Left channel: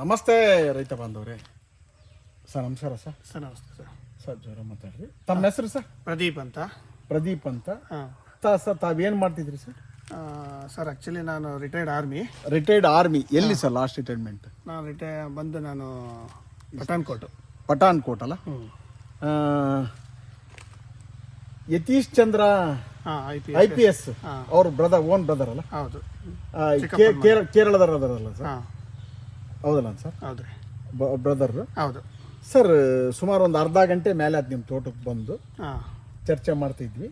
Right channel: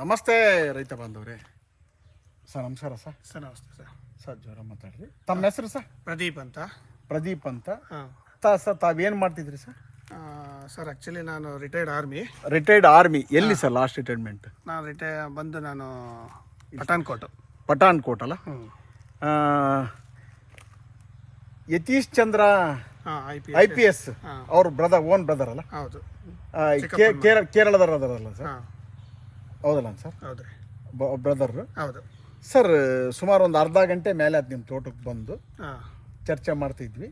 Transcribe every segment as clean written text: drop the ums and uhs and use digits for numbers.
ನಮಸ್ತೆ ರೈತ ಬಾಂಧವ್ರೆ. ಸರ್ ನಮಸ್ಕಾರ ಸರ್. ಸರ್ ನಮಸ್ತೆ ಸರ್. ಸರ್ ಜೋರ ಮಾತಾಡ್ರಿ. ತಮ್ಮ ಹೆಸರು ಸರ್? ಪ್ರದೀಪ್ ಅಂತ. ಪ್ರದೀಪ್ ಅಂತ. ಹಾಂ ಸರ್ ತಾವೇನು ಮಾಡ್ತಿದ್ರಿ ಸರ್? ಸರ್ ಆ್ಯಕ್ಚುಲಿ ನಾನು ರಿಟೈರ್ಡ್ ಆರ್ಮಿ. Retired army. ಎಲ್ಲಿ ಸರ್ ಲಾಸ್ಟ್ ರಿಟೈರ್ಮೆಂಟ್? ನಾನು ಪಠಾಣ್ಕೋಟ್. ಪಠಾಣ್ಕೋಟ್ ಅಲ್ಲ? ಯತೀಶ್ ಚಂದ್ರ IPS ಅವ್ರ ಓನ್ ಬ್ರದರ್ ಅಲ್ಲ? ಹೌದು. ಕೇರಳದವರಲ್ಲ ಸರ್? ಹೌದಲ್ಲ ಸರ್? ಹೌದು ಬ್ರದರ್. ಹೌದು ಸರ್. ಸುಮಾರು ಒಂದು ಅರ್ಧ ಗಂಟೆ ಮೇಲೆ ಅದು ನಿಮ್ಮ ತೋಟಕ್ಕೆ ಬಂದು ಚರ್ಚೆ ಮಾಡ್ತಿದ್ವಿ.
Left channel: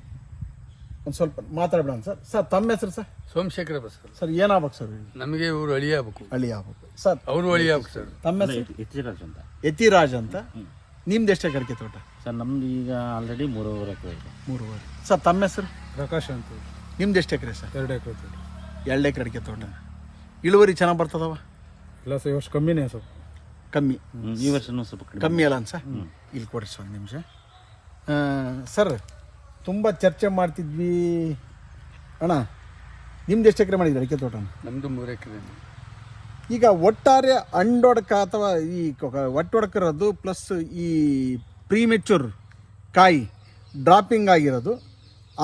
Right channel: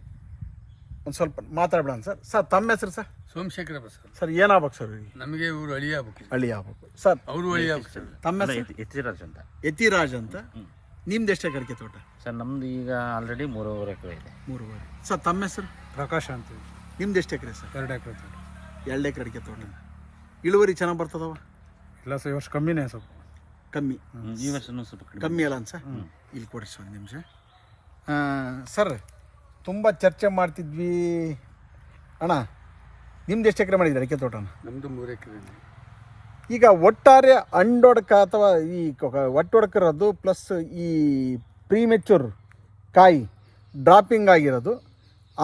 ಒಂದು ಸ್ವಲ್ಪ ಮಾತಾಡ್ಬಿಡೋಣ ಸರ್. ಸರ್ ತಮ್ಮ ಹೆಸರು ಸರ್? ಸೋಮಶೇಖರ ಬಸರ್. ಸರ್ ಏನಾಗ್ಬೇಕು ಸರ್? ನಮಗೆ ಇವರು ಹಳಿ ಆಗ್ಬೇಕು. ಹಳಿ ಆಗ್ಬೇಕು ಸರ್. ಅವರು ಹಳಿ ಆಗ್ಬೇಕು ಸರ್. ತಮ್ಮ ಹೆಸರು? ಯತಿರಾಜ್ ಅಂತ. ಯತಿರಾಜ್ ಅಂತ. ನಿಮ್ದು ಎಷ್ಟು ಎಕರೆ ತೋಟ ಸರ್? ನಮ್ದು ಈಗ ಆಲ್ರೆಡಿ 3.5 ಎಕರೆ ಇದೆ. 3.5. ಸರ್ ತಮ್ಮ ಹೆಸರು? ಪ್ರಕಾಶ್ ಅಂತ. ನಿಮ್ದು ಎಷ್ಟು ಎಕರೆ ಸರ್? 2 ಎಕರೆ ತೋಟ. 2 ಎಕರೆ ಅಡಿಕೆ ತೋಟ. ಇಳುವರಿ ಚೆನ್ನಾಗಿ ಬರ್ತದವ? ಇಲ್ಲ ಸರ್, ಈ ವರ್ಷ ಕಮ್ಮಿನೇ. ಸ್ವಲ್ಪ ಕಮ್ಮಿ. ಈ ವರ್ಷನೂ ಸ್ವಲ್ಪ ಕಮ್ಮಿ ಅಲ್ಲ ಸರ್? ಇಲ್ಲಿ ಕೊಡಿ ಸರ್ ಒಂದು ನಿಮಿಷ. ಸರ್ ತುಂಬ ಚರ್ಚೆ ಮಾಡ್ತಿದ್ವಿ ಅಣ್ಣ. ನಿಮ್ದು ಎಷ್ಟು ಎಕರೆ ಮಾಡಿದ್ರಿ ಅಡಿಕೆ ತೋಟನ? ನಮ್ಮದು 3 ಎಕರೆ. ಈಗ ಒಟ್ಟಾರೆ ಅಂಡೊಡಕ ಅಥವಾ ಈ ಒಟ್ಟೊಡಕಿರೋದು ಪ್ಲಸ್ ಈ ಪ್ರೀಮೆಚೂರ್ ಕಾಯಿ ಡ್ರಾಪಿಂಗ್ ಆಗಿರೋದು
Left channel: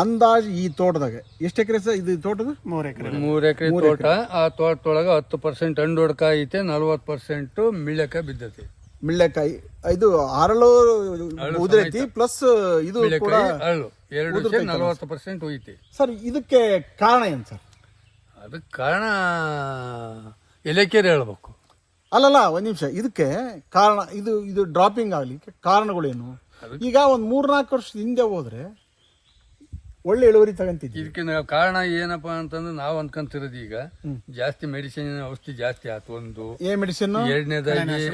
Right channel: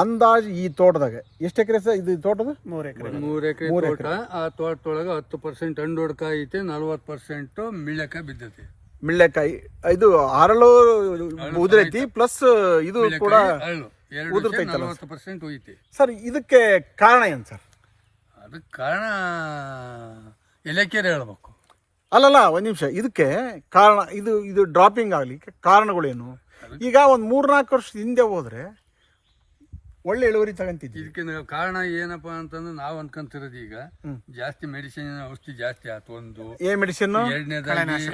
ಅಂದಾಜು ಈ ತೋಟದಾಗ ಎಷ್ಟು ಎಕರೆ ಸರ್? ಇದು ತೋಟದ 3 ಎಕರೆ. 3 ಎಕರೆ ತೋಟ. ಆ ತೋಟದೊಳಗೆ 10% ಹಣ್ಣೊಡ್ಕ ಐತೆ, 40% ಮಿಳ್ಳೆಕಾಯಿ ಬಿದ್ದೈತೆ. ಮಿಳ್ಳೆಕಾಯಿ ಇದು ಹರಳು ಉದುರೈತಿ ಪ್ಲಸ್ ಇದು ಕೂಡ ಅರಳು 40% ಹೋಯ್ತಿ. ಸರ್ ಇದಕ್ಕೆ ಕಾರಣ ಏನು ಸರ್? ಅದಕ್ಕೆ ಕಾರಣ ಇಲಾಖೆಯರು ಹೇಳ್ಬೇಕು. ಅಲ್ಲಲ್ಲ ಒಂದು ನಿಮಿಷ. ಇದಕ್ಕೆ ಕಾರಣ ಇದು ಡ್ರಾಪಿಂಗ್ ಆಗಲಿಕ್ಕೆ ಕಾರಣಗಳೇನು? ಈಗ ಒಂದು 3-4 ವರ್ಷದ ಹಿಂದೆ ಹೋದ್ರೆ ಒಳ್ಳೆ ಇಳುವರಿ ತಗೊಂತಿದ್ವಿ. ಇದಕ್ಕೆ ಕಾರಣ ಏನಪ್ಪಾ ಅಂತಂದ್ರೆ ನಾವು ಅನ್ಕೊಂತಿರೋದು ಈಗ ಜಾಸ್ತಿ ಮೆಡಿಸಿನ್ ಔಷಧಿ ಜಾಸ್ತಿ ಆಯ್ತು ಒಂದು. ಮೆಡಿಸಿನ್? ಎರಡನೇದಾಗಿ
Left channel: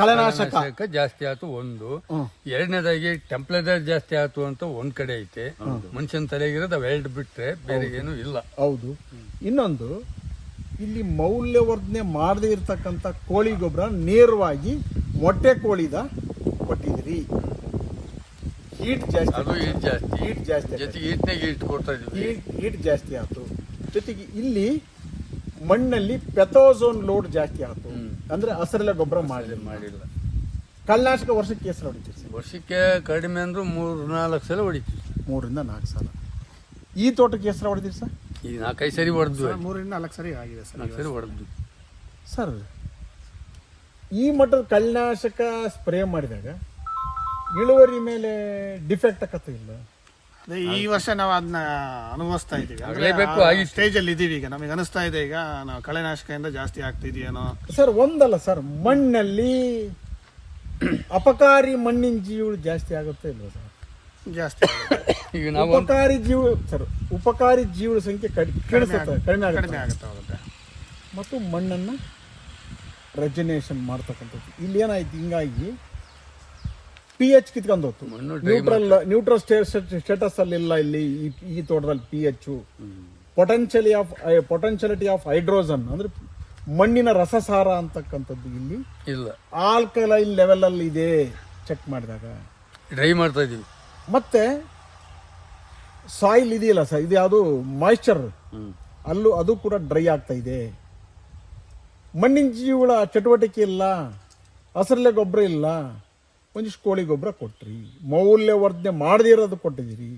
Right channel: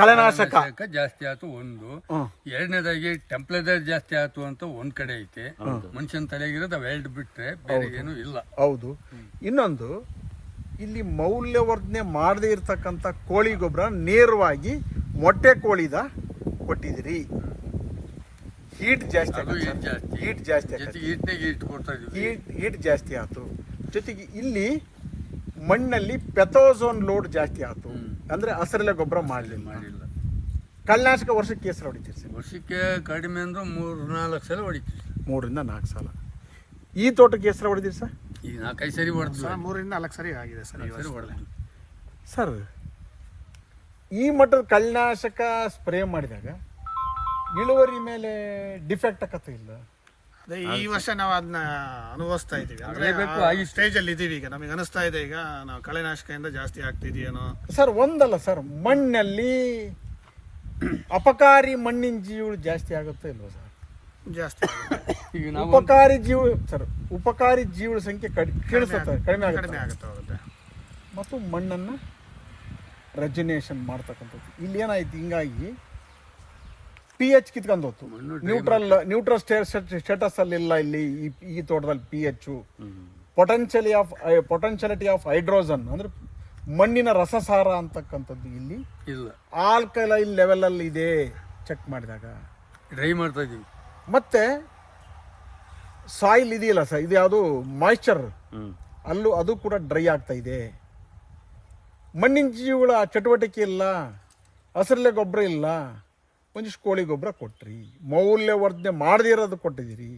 ಕಳೆನಾಶಕ ಜಾಸ್ತಿ ಆಯ್ತು ಒಂದು. ಎರಡನೇದಾಗಿ ಟೆಂಪ್ರೇಚರ್ ಜಾಸ್ತಿ ಆಯ್ತು ಅಂತ ಒಂದ್ ಕಡೆ ಐತೆ. ಮನುಷ್ಯನ ತಲೆಗಿರೋದು ಅವೆರಡು ಬಿಟ್ರೆ ಬೇರೆ ಏನು ಇಲ್ಲ. ಹೌದು. ಇನ್ನೊಂದು, ಇಲ್ಲಿ ಮೌಲ್ಯವರ್ಧನೆ ಮಾಡದೇ ಇರ್ತಕ್ಕಂಥ ಕೋಳಿ ಗೊಬ್ಬರ ನೇರವಾಗಿ ಮೊಟ್ಟೆ ಕೋಳಿದ ಕೊಟ್ಟಿದ್ದೀರಿ. ಹೀಟ್ ಜಾಸ್ತಿ. ಹೀಟ್ ಜಾಸ್ತಿ. ಹೀಟ್ ಜಾಸ್ತಿ ಆಯ್ತು. ಜೊತೆಗೆ ಇಲ್ಲಿ ಮಣ್ಣಲ್ಲಿ ಪೆಥೋಝೋನ್ ಲೋಡ್ ಜಾಸ್ತಿ ಆಯ್ತು. ಅಂದ್ರೆ ಹಸಿರೆಲೆ ಗೊಬ್ಬರ ಮಾಡಿಲ್ಲ. ಕಳೆನಾಶಕ ವರ್ಷಕ್ಕೆ ಎಷ್ಟು ಸಲ ಹೊಡಿತೀರಿ ಸರ್? ವರ್ಷಕ್ಕೆ ಕಡಿಮೆ ಅಂದ್ರೆ 3-4 ಸಲ ಹೊಡಿತೀವಿ. 3-4 ಸಲ. ಈ ತೋಟಕ್ಕೆ ಎಷ್ಟು ಸಲ ಹೊಡೆದಿರಿ ಸರ್? ಈಗ 4-5 ಸರಿ ಹೊಡೆದ್ವಿ. 3-4 ಸರಿ ಆಗಿದೆ ಸರ್. 4 ಸರಿ ಹೊಡೆದ್ವಿ ಸರ್. ಈ ಮಟ್ಟದ ಕಳೆನಾಶಕ ಸ್ಪ್ರೇ ಮಾಡಿದಾಗ ಇಳುವರಿ ಮೇಲೆ ಡಿಫೆಕ್ಟ್ ಆಗತ್ತ ಇಲ್ಲ? ಈ ವರ್ಷ ನಾವು ಅದನ್ನ ಅನುಭವಿಸ್ತಾ ಇದೀವಿ. ಸ್ಟೇಜ್ ಅಲ್ಲಿ ಇದೀವಿ ಈಗ. ನಮಗೆ ಅನಿಸ್ತಾ ಇದೆ ಈಗ ನಾವು ಕಳೆನಾಶಕದಿಂದ ಜಾಸ್ತಿ ಆಗ್ತಿದೆಯೇನೋ ಸರ್. ಒಂದಲ್ಲ ಸರ್, ಮಣ್ಣಲ್ಲಿ ಅಪಕಾರಿ ಮಣ್ಣಿನ ಜೀವಿಗಳು ಜಾಸ್ತಿ ಆಗುತ್ತೋ ಇಲ್ವ ಸರ್? ಜಾಸ್ತಿ. ಈಗ ಉಪಕಾರಿ ಜೀವಿಗಳ ಸಂಖ್ಯೆ ಕಡಿಮೆ ಆಗುತ್ತೆ. ಮತ್ತು ಮಣ್ಣನ್ನು ರೆಜನೇಷನ್ ಮಾಡ್ತಕ್ಕಂಥದ್ದು ಇಲ್ಲಿ ಏನಾಯ್ತು, ಹಿಂಗಾಗಿ pH ಕಿತ್ಕೊಂಡು ಹೋಯ್ತು. ನ್ಯೂಟ್ರಲ್ ಸ್ಟೇಟಸ್ ಅಲ್ಲಿ ಇಲ್ಲ ಇಲ್ಲಿ ಈ ತೋಟದಲ್ಲಿ. pH ಪೊಟೆನ್ಶಿಯಾಲಿಟಿ ಆಫ್ ಹೈಡ್ರೋಜನ್ ಅಂದ್ರೆ ಮಣ್ಣಿನ ರಸಸಾರ ಅಂತಕ್ಕಂಥದ್ದು ಇಲ್ಲಿ ಇಲ್ಲ. ಆಲ್ಕಲೈನ್ ಲೆವೆಲ್ ಅಲ್ಲಿ ಇದೆ ಚೆಕ್ ಮಾಡಿದಾಗ. ಡ್ರೈ ಮಾಡ್ತಾ ಇದೀವಿ. ಮತ್ತೆ ಸಾಯಿಲ್ ಇದೆಯಲ್ಲ ಸರ್, ಇದು ಯಾವುದು ಮಾಯಿಶ್ಚರ್ ಅದು ಕೂಡ ಡ್ರೈ ಆಗ್ತಾ ಇದೆ. ಮಣ್ಣಿನ ಜೀವಿಗಳ ಚಟುವಟಿಕೆ ಇಲ್ಲ, ಹಸಿರೆಲೆ ಗೊಬ್ಬರ ಇಲ್ಲ. ಒಂದಿಷ್ಟು ಕೋಳಿ ಗೊಬ್ಬರ ಕೊಟ್ರಿ, ಮೌಲ್ಯವರ್ಧನೆ ಮಾಡದೇ ಇರೋದು ಕೊಟ್ಟಿದ್ದೀರಿ.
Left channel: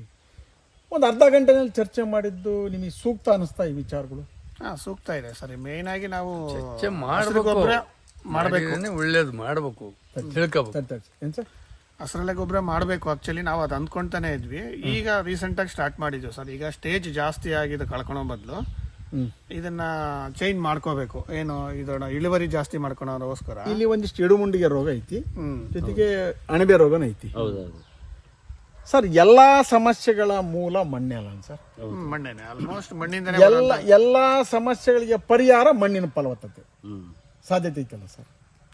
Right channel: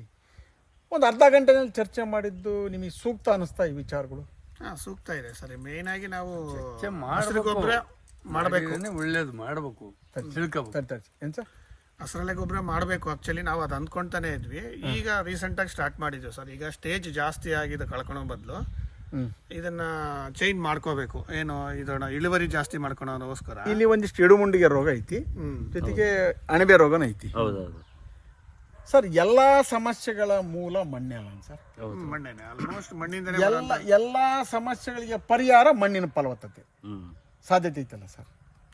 ಒಂದು ಅರ್ಧ ಗಂಟೆನಲ್ಲಿ ಚರ್ಚೆ ಮಾಡಿದ್ದು ನಿಮಗೆ ಸೂಕ್ತ ಅನಿಸ್ತಾ ಈ ವಿಚಾರಗಳು? ಸೂಕ್ತ ಇದೆ ಸರ್. ಮೇನ್ ಆಗಿ ನಾವು ಗೊಬ್ಬರ ಮಾಡಬೇಕು, ಒಳ್ಳೇದು ಮಾಡಬೇಕು, ತಿಳ್ಕೋಬೇಕು. ಏನ್ ಸರ್? ಹಸಿರೆಲೆ ಗೊಬ್ಬರ ಮಾಡಬೇಕು. ಆಕ್ಚುಲಿ ನಾವು ಅದು ಅಂದ್ಕೊಂತಾನೆ ಇದ್ವಿ. ಈಗ ರೀಸೆಂಟ್ ಆಗಿ ಸ್ಟಾರ್ಟ್ ಮಾಡಿದ್ವಿ ಸರ್. ಈಗ ಸ್ಟೇಜ್ ಜಾಸ್ತಿ ಆಗಿದೆ ಕಳ್ಕೊಳೋ ಬದಲು ಇದನ್ನ ಚೇಂಜ್ ಮಾಡ್ಕೋಬೇಕು. ಏನು ಇದನ್ನ ಇಳುವರಿ ಜಾಸ್ತಿ ಮಾಡ್ಕೊಳೋದಕ್ಕೋಸ್ಕರ ಇಲ್ಲಿ ಒಂದಿಷ್ಟು ಎಡುಮುಂಡಿಗೆ ರೋಗ ಐತಿ, ಜೊತೆಗೆ ಅಣಬೆ ರೋಗನ ಐತಿ. ಸರ್ ಎಲ್ಲಾ ಸಮಸ್ಯೆಗಳ ಮೂಲ ಮಣ್ಣೆ ಅಲ್ಲ ಸರ್? ಮಣ್ಣೇನೆ. ಆಲ್ಮೋಸ್ಟ್ ಮಣ್ಣಿಂದ ಎಲ್ಲಾ ಸಮಸ್ಯೆಗಳಿಗೆ ಪರಿಹಾರ ಮಣ್ಣಿನ ಫಲವತ್ತತೆ ಸಾಧ್ಯತೆ ಐತಲ್ಲ ಸರ್?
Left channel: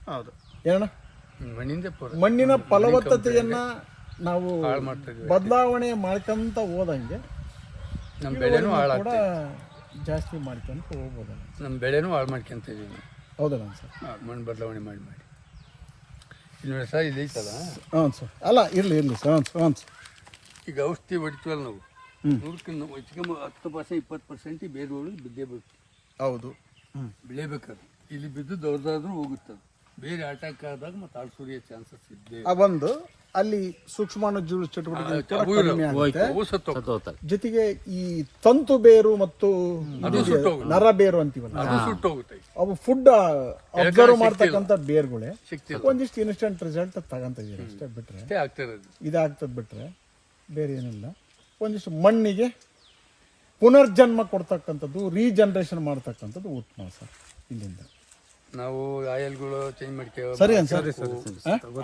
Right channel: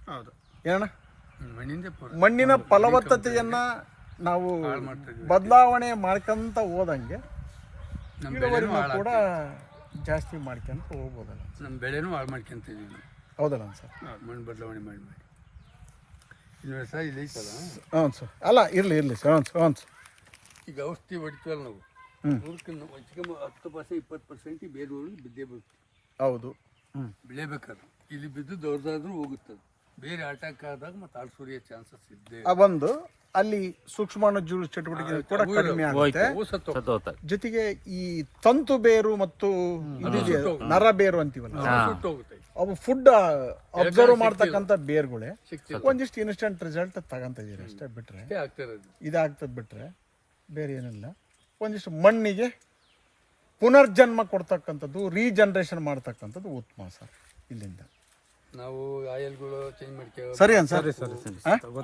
ಹೌದು. ಏನಣ್ಣ? ಮಣ್ಣಿನ ಫಲವತ್ತತೆಯನ್ನ ನಾವು ಬದಲಾವಣೆ ಮಾಡ್ಕೊಂತ ಹೋದಂಗೆ ಇಳುವರಿನೂ ಕೂಡ ಜಾಸ್ತಿ ಮಾಡ್ಕೊಂತ ಹೋಗ್ಬೋದಲ್ಲ? ನಮ್ಮ ಬೆಳೆನೂ ಹಾಳು ಮಾಡ್ಕೊಂತಿದ್ದೀವಿ. ಹೌದಲ್ಲ ಸರ್? ಮಣ್ಣು ಬದಲಾವಣೆ ಮಾಡಿ ಇಲ್ಲಿ ನೋಡಿ ಸರ್, ಇಲ್ಲಿ ಐತಲ್ಲ. ಹ್ಞೂ ಸರ್. ಅಲ್ಲ ಇರಲಿ ಸರ್. ಹ್ಞೂ ಸರ್. ಈಗ ಔಷಧಿ ಹೊಡಿತೀವಲ್ಲ ನಾವು, 10% 20% ಬೇರೆ ಬಿದ್ದೇ ಬಿಡ್ತೀವಿ. ಹೌದು. ಬೆಳೆಬೇಕಾದ್ರೆ ಇಲ್ಲಿ ಬಿದ್ದು ದೊಡ್ಡದಾದ್ರೂ ಹೋಗುತ್ತದೆ. ಬೇರೆ ಅಟ್ಯಾಕ್ ಆದಾಗ ಮತ್ತೆ ಆಳ್ ಸುರಿಯೋ ಚಾನ್ಸಸ್ ಇದ್ದೇ ಆ ಒಂದು ಅಲ್ಲಿ ಸೂಕ್ಷ್ಮಾಣುಜೀವಿ ಚಟುವಟಿಕೆ ಕೂಡ ಕಡಿಮೆ ಆಗುತ್ತೆ. ಸತ್ತೋಗ್ತದೆ. ಜೊತೆಗೆ ಈ ತಂತು ಬೇರು ಮತ್ತು ಇದಿದೆಯಲ್ಲ, ನರ ಬೇರು ಅಂತೀವಲ್ಲ, ಸುಟ್ಟೋಗುತ್ತೆ. ಅವು ಫುಡ್ ಅಬ್ಸರ್ವ್ ಮಾಡ್ತಕ್ಕಂಥ ಬೇರ್ಗಳೇ ಸಿಕ್ತಿಲ್ಲ. ಒಂದಿಷ್ಟು ಇನ್ಸ್ಟೆಂಟ್ ರಿಸಲ್ಟ್ ತಗೊಂತ ಇದೀರಿ ಅಷ್ಟೇ. ಬಿಟ್ರೆ ಅಷ್ಟೇ ಆಗ್ತಿರೋದು. ಇದಾಗ್ತದೆ, ಬಿಟ್ರೆ ಬೇರೆ ಏನಿಲ್ಲ. ಒಂದಿಷ್ಟು ಮಣ್ಣಿಗೆ ಪುನರ್ಜನ್ಮ ಕೊಡ್ತಕ್ಕಂಥದ್ದು, ರೀಜನ್ರೇಷನ್ ಮಾಡ್ತಕ್ಕಂಥದ್ದು ಉತ್ತಮ ಸರ್. ಇಲ್ಲಿಂದ ನಾವು ಆಯಿಲ್ಗಳು ಚೇಂಜ್ ಮಾಡ್ಕೊ ಸರಿ ಅನ್ ಸರ್.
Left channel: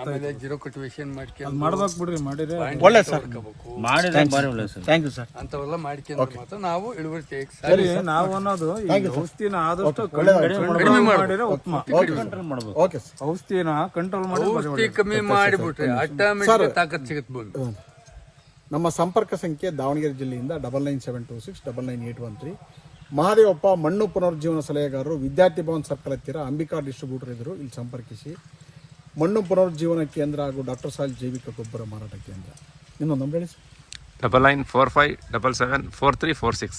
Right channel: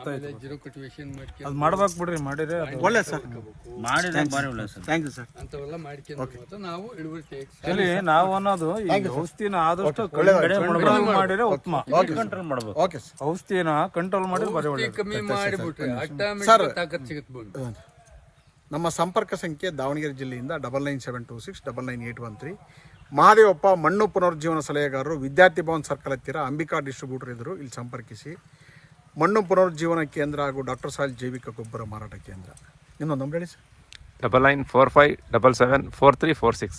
ಆಮೇಲೆ ಜೀರೋ ಕಲ್ಟಿವೇಶನ್ ಮಾಡ್ಕೊಂಡು ಮಾಡ್ಬೇಕು ಬಿಡ್ರಿ, ಮಾಡಿದ್ರೆ ಒಳ್ಳೆ ಸರ್, ಮಾಡಿದ್ರೆ ಭಾರಿ ಒಳ್ಳೆ ಸರ್. Thank you sir. ಅಂತವೆಲ್ಲ ಮಾಡ್ಕೊಂಡ್ರೆ ಮಾತ್ರ ನಾವು ಇಳುವರಿ ತೆಗಿಯಕ್ಕೆ ಸರಿ. ನಾವು ಅನ್ನೋದು ಈ ಔಷಧಿನ ಆದಷ್ಟು ಒಳ್ಳೆದಾಯ್ತು. ಕಡಿಮೆ ಮಾಡಿದ್ರೆ ಉತ್ತಮ. ಕಂಟ್ರೋಲ್ ಮಾಡ್ಬೇಕು. Okay sir. ಔಷಧಿನ ಕಂಟ್ರೋಲ್ ಮಾಡಿ ಔಷಧಿ ಕಮ್ಮಿ ಮಾಡಿಬಿಟ್ರೆ ಆಟೋಮೆಟಿಕ್ ತಾಕತ್ ಸಿಗುತ್ತೆ ಬಂದು. ನಮ್ಮ ಸಂಪರ್ಕ ಸಂಖ್ಯೆ ದಾವಣಗೆರೆ ಜಿಲ್ಲೆಯಿಂದ 9972699813. ಮಹಾದೇವಪ್ಪ ಮಣ್ಣು ಪುನರುಜ್ಜೀವನ ಸಲಹೆಗಾರರು, ವಿದ್ಯಾರ್ಥಿ ಭವನ್ ಸರ್ಕಲ್ ಹತ್ತಿರ, ಅಂಬಿಕಾ ಡಿಸ್ಟ್ರಿಬ್ಯೂಟರ್ ಇದ್ದರು. ಇಲ್ಲಿ ಸಂಪರ್ಕಿಸಿ. ಮಣ್ಣು ಪುನರುಜ್ಜೀವನ ಕೇಂದ್ರ ಹಾಗೂ ಡಾಕ್ಟರ್ ಸಾಯಿಲ್ ಜೈವಿಕ ಗೊಬ್ಬರ ಮಾರಾಟ ಕೇಂದ್ರ. ಇನ್ನೊಂದು ನಂಬರ್ ಹೇಳಿ ಸರ್. 9945774346.